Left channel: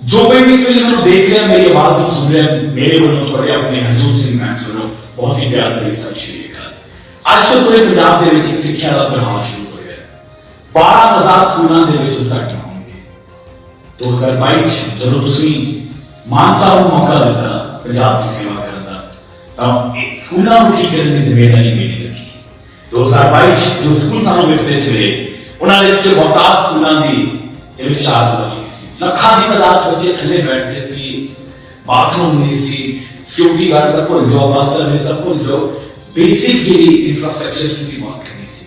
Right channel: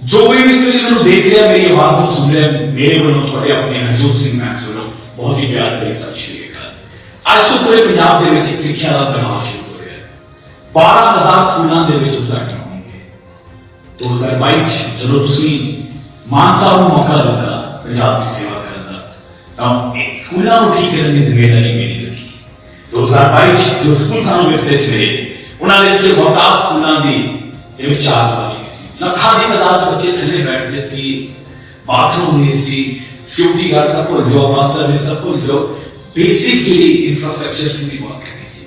ਜੋ ਕੋਈ ਇਸ ਵੇਲੇ ਮੈਨੂੰ ਦੇਖ ਰਿਹਾ, ਮੇਰੀ ਆਵਾਜ਼ ਨੂੰ ਸੁਣ ਰਿਹਾ, ਮੇਰੇ ਵੱਲੋਂ ਤੁਹਾਡੇ ਆਪਣੇ ਹਜੂਰ ਸਿੰਘ ਮੈਕਸ ਵੱਲੋਂ ਬਹੁਤ ਹੀ ਪਿਆਰ ਭਰੀ ਸਤਿ ਸ਼੍ਰੀ ਅਕਾਲ। ਅੱਜ ਤੋਂ ਪੂਰੇ ਪੰਜਾਬ ਦੇ ਵਿੱਚ ਸਿੱਖਿਆ ਦਾ ਪ੍ਰਭਾਵ ਸ਼ੁਰੂ ਹੋ ਰਿਹਾ ਹੈ। 12000 ਸਕੂਲਾਂ ਦੇ ਵਿੱਚ ਉਦਘਾਟਨ ਹੋਣਗੇ। 2022 ਚ ਜਦੋਂ ਤੁਸੀਂ ਮਾਨ ਸਾਹਿਬ ਨੂੰ ਮੌਕਾ ਦਿੱਤਾ, ਪੰਜਾਬ ਦੀ ਸੇਵਾ ਕਰਨ ਦਾ, ਤਾਂ ਸਕੂਲਾਂ ਨੂੰ ਠੀਕ ਕਰਨ ਦੀ ਜ਼ਿੰਮੇਵਾਰੀ ਮੇਰੀ ਲੱਗੀ। 2022 ਚ ਜੋ ਸਕੂਲ ਸਾਨੂੰ ਵਿਰਸੇ ਚ ਉਹਨਾਂ ਦੇ ਵਿੱਚ ਬਹੁਤਾਤ ਸਕੂਲਾਂ ਦੀ ਇਹ ਵਿੱਚ ਚਾਰ نہ کھادی مدار بچے کھنے بیٹھتے سی، باتھ روم سی سیکورٹی گارڈ تک کو جو بس سروس تک کو جو بیسکلی انفراسٹرکچر کی بھی بات کرنی سی۔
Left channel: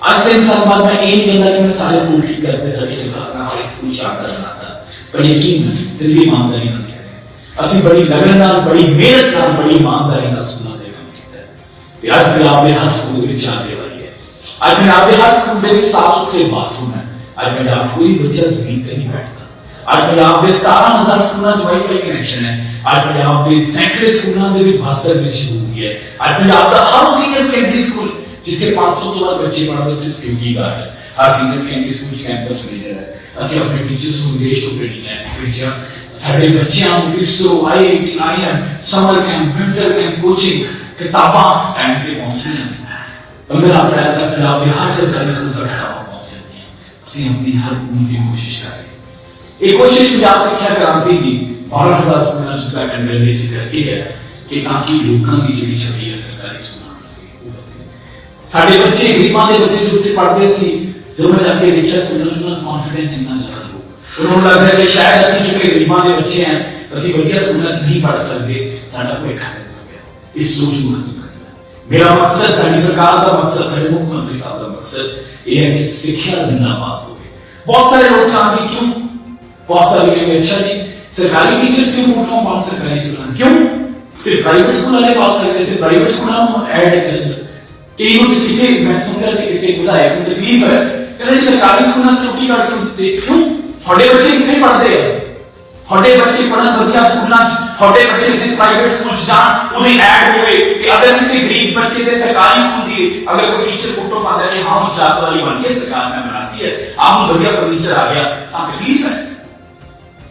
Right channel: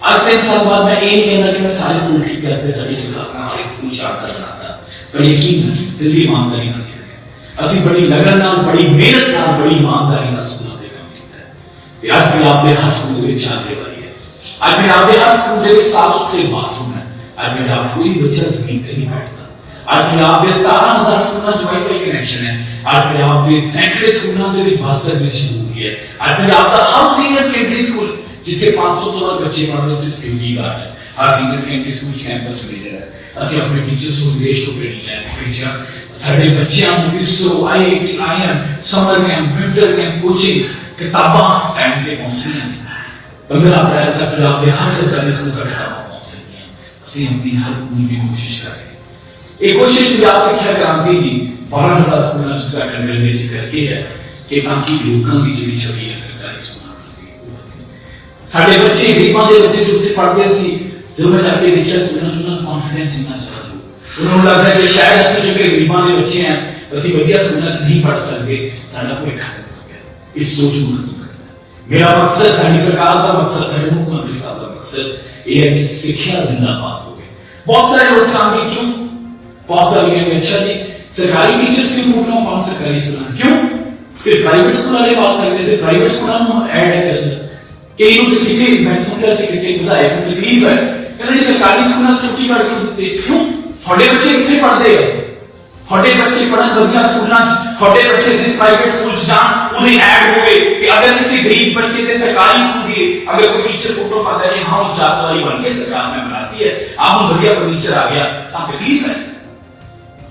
آج کے انسان بعد میں ایک اندر میں سارے اسکول ٹھیک کرتے سبھی سکھاتا ہوں اسکول شاپ کرنا تھا پر یقین دلی ایمانداری نہ کیا اسی بڑی لگن بڑی محنت نال بڑی ایمانداری نال سنا دے کام کیتا ہے یار پھر آپ نے ہر اسکول میں چاہنے والی ہے۔ آج میں آپ نے ہر اسکول میں صاف ستھرے باتھ روم ہے۔ آج میں آپ کوئی بچہ زمین نہیں بیٹھتا۔ ਬੱਚਾ ਜ਼ਮੀਨ ਤੇ ਨਹੀਂ ਬੈਠਦਾ ਅੱਜ ਪੰਜਾਬ ਦੇ 17000 ਸਕੂਲਾਂ 'ਚ ਵਾਈਫਾਈ ਕਨੈਕਸ਼ਨ ਹੈ ਅੱਜ ਪੰਜਾਬ ਦੇ ਸੈਂਕੜੇ ਸਕੂਲਾਂ ਦੇ ਵਿੱਚ ਮਾਸਟਰ ਦੀ ਸ਼ੁਰੂ ਹੈ ਅੱਜ ਪੰਜਾਬ ਦਾ ਹਰ ਸੀਨੀਅਰ ਸੈਕੰਡਰੀ ਸਕੂਲ ਜਿੱਥੇ 500 ਤੋਂ ਵੱਧ ਬੱਚੇ ਪੜ੍ਹਦੇ ਉੱਥੇ ਸਿਕਿਉਰਿਟੀ ਗਾਰਡ ਹੈ ਹਰ ਸੀਨੀਅਰ ਸੈਕੰਡਰੀ ਸਕੂਲ 'ਚ ਕੈਂਪਸ ਲੀਡਰ ਹੈ ਅਸੀਂ ਆਪਣੇ ਟੀਚਰਸ ਨੂੰ ਵਿਦੇਸ਼ ਤੋਂ ਭੇਜ ਲੈ ਭੇਜਿਆ ਸਾਡੇ ਬੱਚਿਆਂ ਨੂੰ ਇਸ ਤੋਂ ਆਏ ਆਏ summer camp winter camp coaching ਕਿਤਾਬਾਂ ਟਾਈਮ ਤੇ ਪਹੁੰਚਣੇ ਪੰਦਰਾਂ ਅਪ੍ਰੈਲ ਤੱਕ ਪੰਜਾਬ ਦੇ ਹਰ ਸਰਕਾਰੀ ਸਕੂਲ ਤੱਕ ਕਿਤਾਬਾਂ ਪਹੁੰਚ ਜਾਣਗੀਆਂ ਅਸੀਂ ਆਪਣੀ ਹਰ ਪੂਰੀ ਦੀ ਕੋਸ਼ਿਸ਼ ਕਰ ਰਹੇ ایک کوشش بھی آپ سکھا کرانتی کی۔ بارہ ہزار اسکول میں شکشا کرنے سے ہے کہ تاکہ لوگوں کی جڑی چھوڑی ہے سرکاری اسکول سارے بچے غریباں دے بچے جو اتنے پڑھتے سی جو میں جا کے دیکھا اسکول میں کانفیڈنس اتنا چاہتا انہوں نے لگا کہ شاید اسی جو کہ دے بچے ہیں، اسی ودیا اسکول نہیں پڑھ سکتے۔ سارا کوئی خیال نہیں اس سوچ میں میرا مقصد، ساری سرکار کا مقصد، سارے مکھ منتری صاحب مقصد یہ ہے کہ سکھیا زندہ باد ہوئے بہت سارے لوگ کہاں کیوں؟ فرنیچر آ گیا۔ تکلیف ہے۔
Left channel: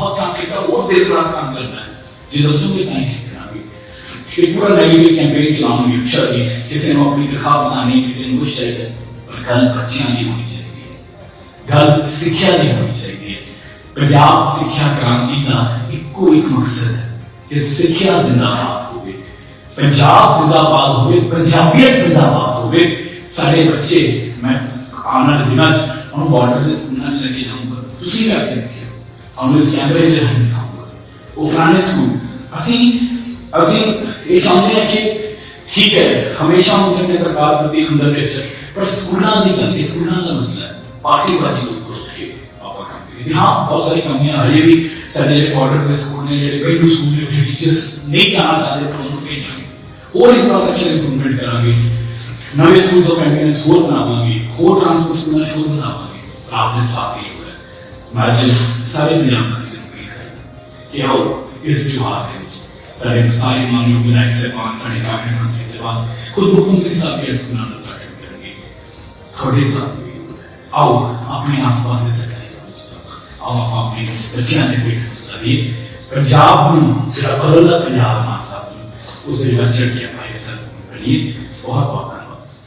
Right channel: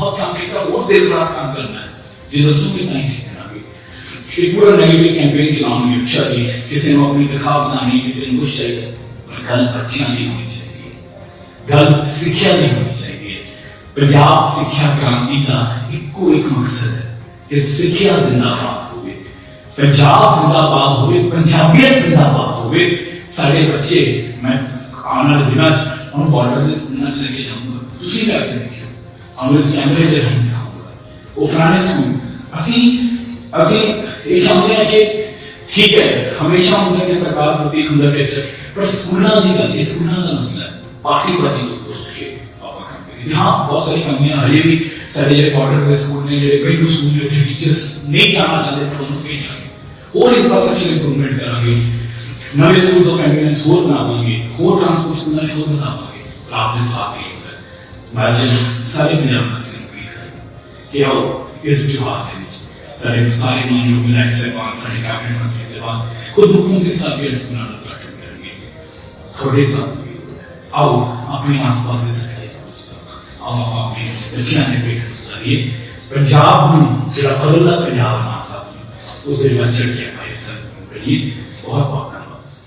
بہت کام کرتا ہوں۔ بہت دیر بڑا کام کرنا ہے۔ یہ رسول کی تعریف کرنا بھی ایک پورا نئی کیمپین چلاؤں گی اچھا بھی ہے۔ کسی نے اپنی خواب بنانی کسی نے کچھ چاہیے پر گل اچھا نہیں ہونی چاہیے۔ گل سکھیا نہیں ہونی چاہیے۔ پنجاب سکھیا کرانتی کا ایک ایک مقصد ہے کہ سکھیا زندہ باد ہوئے۔ پنجاب زندہ باد ہوئے، پنجابیت زندہ باد ہوئے۔ سارے بچے، میں آنا دن ہم بارڈر سننا چاہیے جاؤں گا۔ تھی کیا کہیں ਹਾਂ ਉਸ ਕੈਮਰੇ ਦੇ ਰਹੀ ਉਹ ਪ੍ਰਾਣਿਸ ਨੂੰ ਅਸੀਂ ਅਸੀਂ ਇਹ ਸਮਝਦੇ ਹਾਂ ਕਿ ਠੀਕ ਹੈ ਹਮੇਸ਼ਾ ਹੁੰਦਾ ਕਿ ਸਰਕਾਰ ਪ੍ਰਤੀ ਹੁੰਦਾ ਕਿ ਸਰ ਪਰ ਸਕੂਲਾਂ ਦੀ ਗੱਲ ਇਸ ਸਕੂਲਾਂ ਦਾ ਮਸਲਾ ਹੈ ਪਾਰਟੀ ਵਾਲੀ ਨੂੰ ਕੁਝ ਕੀ ਆਪਾਂ ਕੰਪਨੀ ਹਾਂ ਬਹੁਤ ਸਾਰੀ ਕੰਪਨੀਆਂ ਹਰੇ ਵੀ ਸਾਡੇ ਕੁਆਰਟਰ ਦੇ ਸਕੂਲ ਨੇ ਜਿਹੜੇ ਕਈ ਨੂੰ ਸਕੂਲ ਦੇ ਉੱਤੇ ਟੀਚਰਸ ਨਹੀਂ ਕਰਨਾ ਸਾਡੇ ਪ੍ਰੋਜੈਕਟ ਵਿੱਚ ਹੋਰ ਇਨਫਰਾਸਟ੍ਰਕਚਰ ਇੰਪਰੂਵਮੈਂਟ ਕਰਾਂਗੇ ਨਵੇਂ ਸਕੂਲਸ ਆਫ ਕੰਪਨੀਆਂ ਹੋਰ ਬਣਾਵਾਂਗੇ ਹੋਰ ਟ੍ਰਾਂਸਪੋਰਟ ਸਕੂਲਾਂ ਹੋਰ ਬਣਾਵਾਂਗੇ ਆਪ ਦੇ ਸਾਥੀ ناجن ساری دنیا مسیح کو یہ کہتا ہے کہ ہم اس جوہار کے لیے سارے ساری مانگی ہوگی لائک سے پانچ ساری کافی مانچی سے بات خود بکھوں کے ساتھ بھی اس کنان کو ساتھ کریں گے۔ تھوڑے سا آؤ، اپنے آس پاس سے سکتے سمجھتا آؤ، آپ اپنے بچیاں نے کوئی خوش لگی پنجاب میں تیرا بدلہ پنجاب میں آسا ہوں اسے بچے کے آئی سر کریے بہت بہت